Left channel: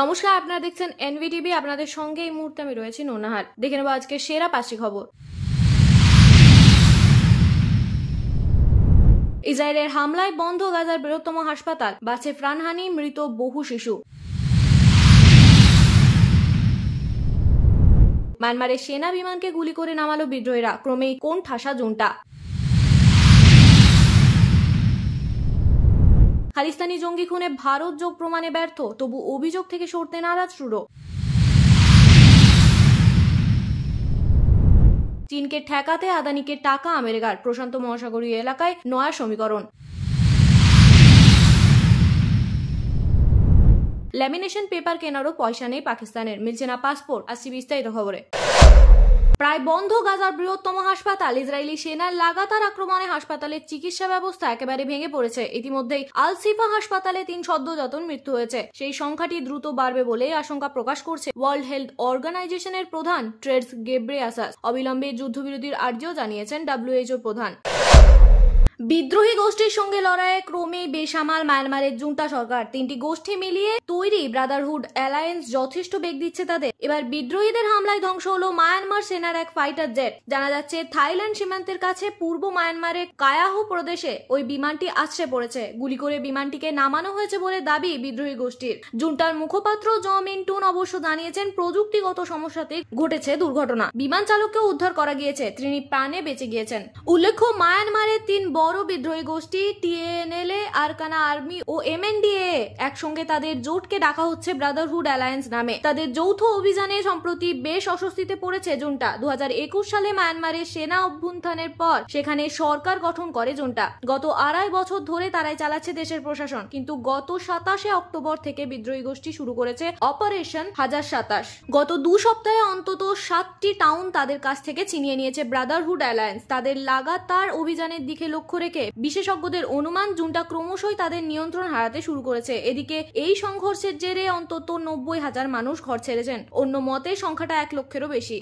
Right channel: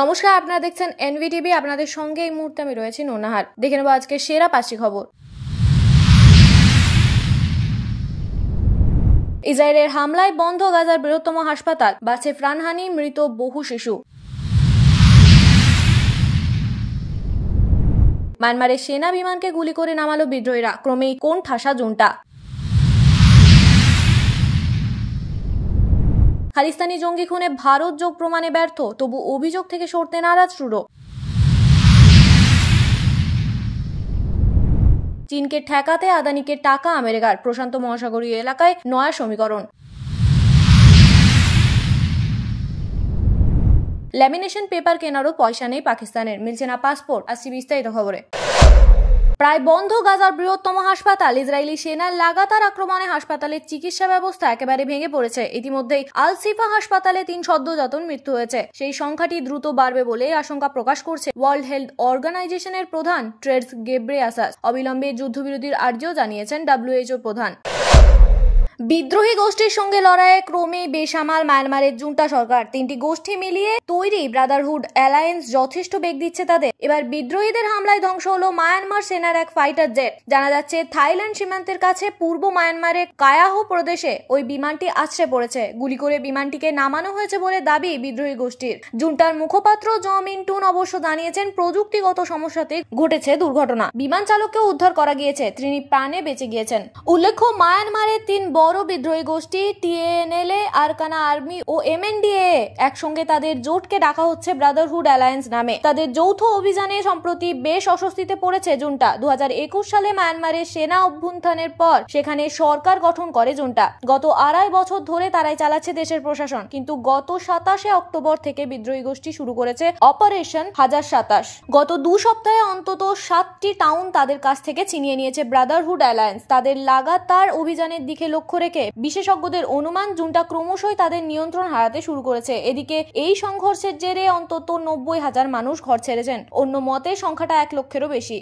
নমস্কার, আপনারা দেখছেন এনভিটিভি। আপনাদের সঙ্গে এই মুহূর্তে আমি রয়েছি নোনাহার। দেখে নেব আজকে সেরা 5টি খবর। ইসরায়েলের হামলায় বন্ধ গাজার বৃহত্তম হাসপাতাল, বাঁচে প্রাণহানি, মৃত বহু শিশু। মায়ানমারের সেনা বিমানকে গুলি করে নামালো বিদ্রোহীরা, ক্রমেই কোন ঠাসা জুনটা। খালিস্তানি জঙ্গি খুনে ভারত যোগ প্রমাণে ব্যর্থ, তবু অভিযোগ থেকে সরতে নারাজ ট্রুডো। চীনকে ঠেকাতে আদানিকে টাকা আমেরিকার, প্রশান্ত মহাসাগরীয় এলাকায় নয়া সমীকরণ। ল্যামিনেশন পেপার কেনারও পয়সা নেই পাকিস্তানের, মিলছে না পাসপোর্ট। আসছি বিস্তারিত খবরে। প্রায় বন্ধ গাজার বৃহত্তম হাসপাতাল। ইসরায়েলি সেনার লাগাতার আক্রমণে হাসপাতালের চিকিৎসা ব্যবস্থা একেবারে ভেঙে পড়েছে। ইতিমধ্যেই আল সিফা হাসপাতালে 3 সদ্যজাতর মৃত্যু হয়েছে। সেই সংখ্যাটি দ্রুত বাড়বে বলে আশঙ্কা প্রকাশ করছে ওয়ার্ল্ড হেলথ অর্গানাইজেশনের প্রধান টেড্রোস গেব্রেয়াসাস। অবিলম্বে যুদ্ধবিরতির আর্জিও জানিয়েছেন WHO প্রধান। বিদ্রোহী গোষ্ঠীর সঙ্গে লড়াইয়ে ক্রমেই বেসামাল মায়ানমারের জুন্টা সরকার। 3টি গোষ্ঠী মিলিয়ে তৈরি ব্রাদারহুড অ্যালায়েন্স যথেষ্ট বেগ দিচ্ছে তাদের। এবার বিদ্রোহীদের হামলায় ধ্বংস হলো মায়ানমার সেনার এক ফাইটার জেট। জানা যাচ্ছে থাইল্যান্ড সীমান্তের কাছে পূর্ব মায়ানমারের কায়াহো প্রদেশে ওই বিমানটি আছড়ে পড়েছে। গুলি করে বিমানটিকে নামানো হয়েছে বলে দাবি বিদ্রোহী গোষ্ঠীর। জুন্টার মুখপাত্র জ মিন্টুন অবশ্য জানিয়েছেন প্রযুক্তিগত সমস্যাতে ঘটেছে দুর্ঘটনা। বিমান চালককেও উদ্ধার করা গিয়েছে, তিনি প্রাণে বেঁচে গিয়েছেন। উল্লেখ্য, মায়ানমারের 3 বড় বিদ্রোহী গোষ্ঠী TNLA, আরকানা আর্মি ও MNDAA একসঙ্গে তাদের জোটকে ডাকা হচ্ছে ব্রাদারহুড অ্যালায়েন্স নামে। তাদের যৌথ অভিযানে সম্প্রতি বেশ অস্বস্তিতে পড়েছে জুন্টা। 2021 সালে মায়ানমারের সেনা অভ্যুত্থানের পর সেখানে সরকার গঠন করে জুন্টা। গত 2.5 বছর ধরে তারাই চালাচ্ছে দেশের প্রশাসন। কিন্তু গত 27 অক্টোবর থেকে বিদ্রোহী গোষ্ঠী শুরু করেছে অপারেশন 1027। গত 2 সপ্তাহে অন্তত 7টি টাউন তাদের কাছ থেকে ছিনিয়ে নিয়েছে ব্রাদারহুড অ্যালায়েন্স। তাদের লাগাতার অভিযানের দিকে লক্ষ্য রেখে বিশেষজ্ঞদের অনুমান জুন্টা ক্রমশই তাদের নিয়ন্ত্রণ হারাতে শুরু করেছে। এদিকে এই সংঘর্ষের জেরে অন্তত 90,000 মানুষ ঘর ছেড়েছেন। অন্য মতে সংখ্যাটা 1 লক্ষেরও বেশি।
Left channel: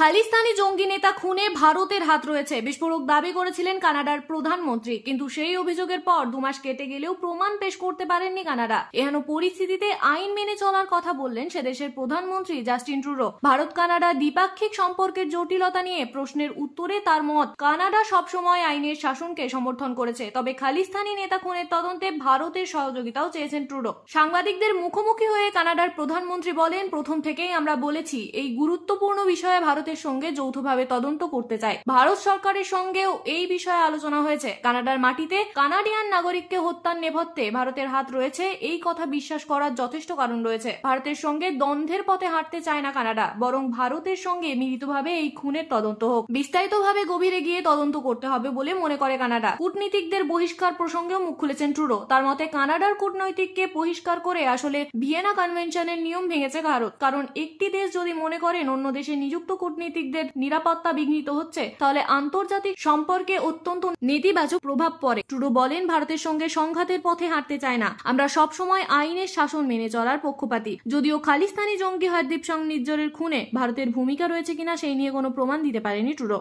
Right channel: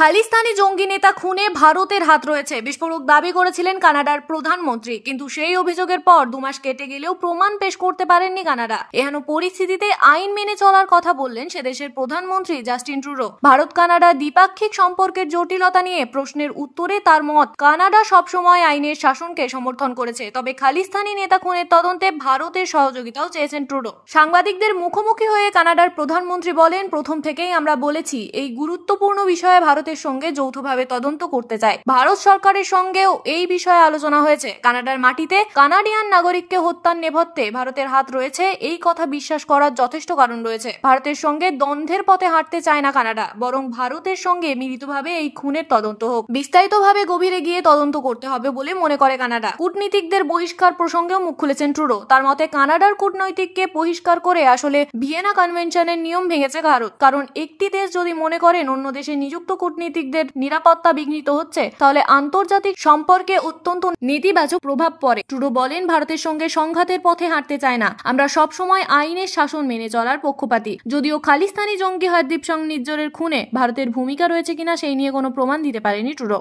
খালিস্তানি জঙ্গি নেতা খুনে ভারতের হাত রয়েছে, বিস্ফোরক দাবি করেছিলেন কানাডার প্রধানমন্ত্রী। কিন্তু সেই অভিযোগের পর 2 মাস কেটে গেলেও প্রমাণ পেশ করতে পারেননি কানাডা। এহেন পরিস্থিতিতে আইন মেনে চলার কথা বললেন সে দেশের প্রধানমন্ত্রী জাস্টিন ট্রুডো। ভারত কানাডা দ্বিপাক্ষিক সম্পর্কের জটিলতা নিয়ে প্রশ্নের উত্তরে তার মত, কানাডা সবসময় আইনের শাসনকে সমর্থন করেছে, তবে খালিস্তানি নেতা খুনের তদন্তে ভারতের সহযোগিতাও চেয়েছেন ট্রুডো। সাংবাদিকদের মুখোমুখি হয়ে কানাডার প্রধানমন্ত্রী বলেন, প্রথম থেকেই আমরা বলেছি এই গুরুত্বপূর্ণ বিষয়ে ভারতের সঙ্গে যৌথভাবে তদন্ত করতে চাই। ভারত সরকারের সঙ্গেও এই বিষয়ে আলোচনা হয়েছে। কানাডার মাটিতে কানাডিয়ান নাগরিককে হত্যার নেপথ্যে ভারতের হাত রয়েছে, এই কথা বিশ্বাস করার যথেষ্ট কারণ রয়েছে। ভারতের সঙ্গে দ্বন্দ্বের পথে হাঁটতে চায় না কানাডা, বরং ভারতের সঙ্গে মিলিতভাবে এই খুনের তদন্ত হোক। বিস্তারিতভাবে গভীরে গিয়ে তদন্ত করতে হবে বলে মনে করে কানাডা। কূটনীতিকদের বহিষ্কার প্রসঙ্গেও মুখ খুলেছেন ট্রুডো। তার মতে, কানাডার কূটনৈতিককে বহিষ্কার করে আসলে ভিয়েনা কনভেনশনের নিয়ম ভেঙেছে ভারত। কারণ একটি দেশ যদি মনে করেন অন্য দেশে নিযুক্ত কূটনীতিকদের নিরাপত্তা বিঘ্নিত হচ্ছে, তাহলে আন্তর্জাতিক সম্পর্কে অত্যন্ত নেতিবাচক প্রভাব পড়ে। ট্রুডো বলেন, ভারতের সঙ্গে সংঘাতের পথে হাঁটতে চায় না, আমরা সবসময় আইনের শাসন মেনে চলার পক্ষপাতী। যদিও খালিস্তানি জঙ্গি হরদীপ সিং নিজ্জরের খুনে ভারতের ভূমিকা রয়েছে কিনা সেই নিয়ে কোনো প্রমাণ দিতে পারেনি ট্রুডো।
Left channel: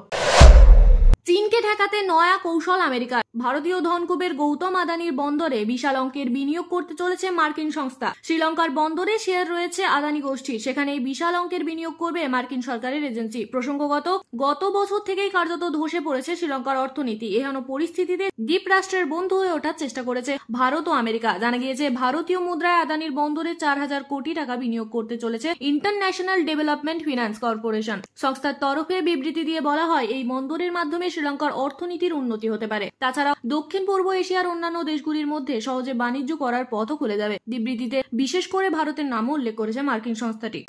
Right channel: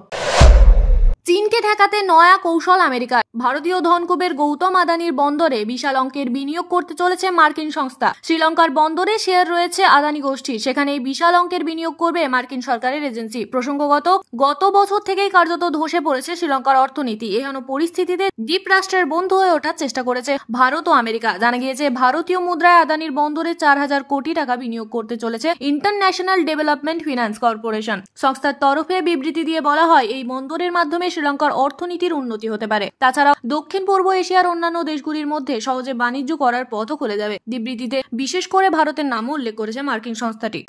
চীনকে ঠেকাতে নয়া কৌশল আমেরিকার। ভারতীয় ধনকুবের গৌতম আদানির বন্দরে বিশাল অঙ্কের বিনিয়োগ করতে চলেছে মার্কিন সংস্থা। শ্রীলঙ্কার বন্দরে শেয়ার রয়েছে আদানি গোষ্ঠীর, সেখানে এই বিশাল অঙ্কের বিনিয়োগ করবে মার্কিন সরকারের এজেন্সি। প্রসঙ্গগত, গত বছর থেকেই কার্যত ধসে পড়েছে শ্রীলঙ্কার অর্থনীতি। এহেন পরিস্থিতিতে দ্বীপ রাষ্ট্রের বন্ধু হয়ে ওঠার চেষ্টা করেছে ভারত ও আমেরিকা। জানা গিয়েছে, ভারতীয় মুদ্রায় আদানির বন্দরে 4,000 কোটি টাকা বিনিয়োগ করতে চলেছে ইন্টারন্যাশনাল ডেভেলপমেন্ট ফিনান্স কর্পোরেশন। সংস্থার তরফে বিবৃতি দিয়ে বলা হয়, এই বন্দরের মাধ্যমে শ্রীলঙ্কার অর্থনীতির উন্নতি হতে পারে। তাছাড়া দক্ষিণ পূর্ব এশিয়ার অন্যান্য দেশগুলির মধ্যে সহজে বাণিজ্য করার পথও খুলে যাবে। বিবৃতিতে বিশেষ করে ভারতের নামও উল্লেখ করেছে মার্কিন সংস্থাটি।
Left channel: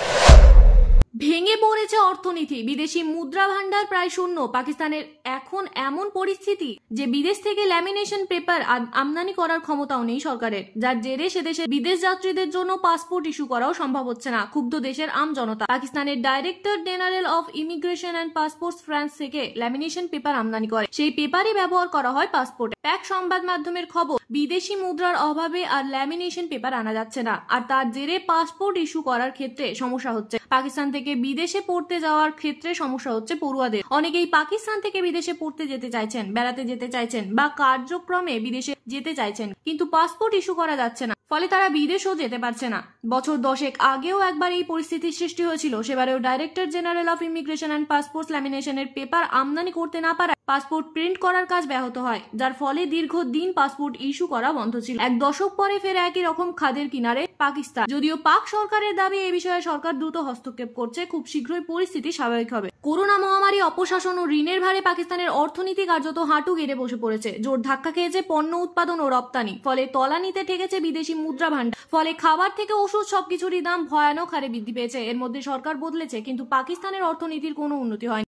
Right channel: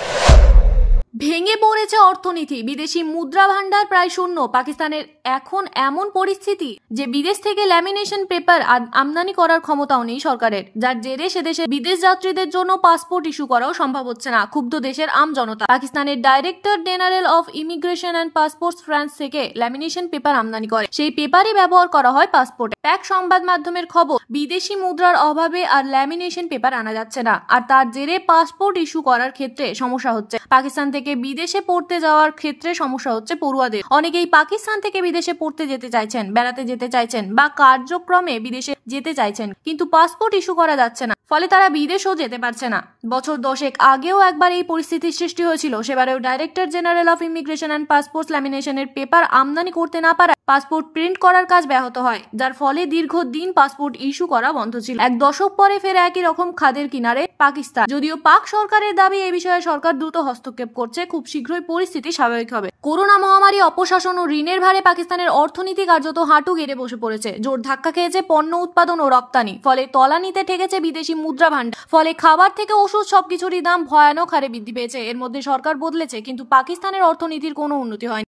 ভেঙে পড়েছে অর্থনীতি, বিদেশি মুদ্রা ভান্ডার প্রায় শূন্য। পাকিস্তানের এখন এমন পরিস্থিতি যে বিদেশ থেকে ল্যামিনেশন পেপার আমদানি করার ক্ষমতাও নেই সরকারের, যার জেরে সে দেশে বিদেশ যাত্রীদের জন্য পাসপোর্ট ইস্যু করাও সম্ভব হচ্ছে না। ক্ষুব্ধ দেশের আম জনতা। পাকিস্তানের director general of immigration and passports France থেকে ল্যামিনেশন পেপার আমদানি করে, সেই পেপারই ব্যবহার করা হয় পাসপোর্টে। প্যাক সংবাদ মাধ্যমের খবর, বিদেশি মুদ্রার অভাবে আর ল্যামিনেশন পেপার আনা যাচ্ছে না, আর তার জেরে পাসপোর্ট ইস্যু করার ক্ষেত্রে সমস্যা হচ্ছে। পাকিস্তান থেকে বিদেশে পড়তে যাওয়ার ক্ষেত্রে সমস্যা হচ্ছে পড়ুয়াদের। অনেকেই পাকিস্তান থেকে বিদেশে পড়তে যেতে চাইছেন, বেড়াতে যেতে চাইছেন বা কার্যক্রমে বিদেশে যেতে চাইছেন, কিন্তু পাসপোর্ট ইস্যু করা যাচ্ছে না। ফলে তারা বিদেশও যেতে পারছে না। বছর 10 আগেও একবার এই পরিস্থিতির সৃষ্টি হয়েছিল। সেবারেও director general of immigration and passport ল্যামিনেশনের পেপার আমদানি করতে না পারায় পাসপোর্ট প্রিন্ট করার কাজ ব্যাহত হয়, যার ফলে দীর্ঘদিন পাসপোর্ট ইস্যু করা বন্ধ ছিল। 1 দশক পরে ফের একই রকম খাদের কিনারে পাকিস্তান। যদিও পাক সরকারের দাবি এই বিষয়ে সরকার দ্রুত হস্তক্ষেপ করছে, খুব শীঘ্রই পরিস্থিতি স্বাভাবিক হবে। করোনা মহামারী, অপশাসন ও ঋণের ভারে পাকিস্তানের অর্থনীতি কার্যত হাঁটু গেড়ে বসে পড়েছে। জোর ধাক্কা খেয়েছে পণ্য উৎপাদন ও রপ্তানি, ফলে তলানিতে ঠেকেছে বিদেশি মুদ্রা ভান্ডার। ফলে খাবার থেকে ওষুধ সবকিছুরই দাম ভয়ানক হারে বৃদ্ধি পেয়েছে। এর মধ্যে সরকার বদলেছে, কিন্তু পাকিস্তানের অর্থনীতির কোনো উন্নতি হয়নি।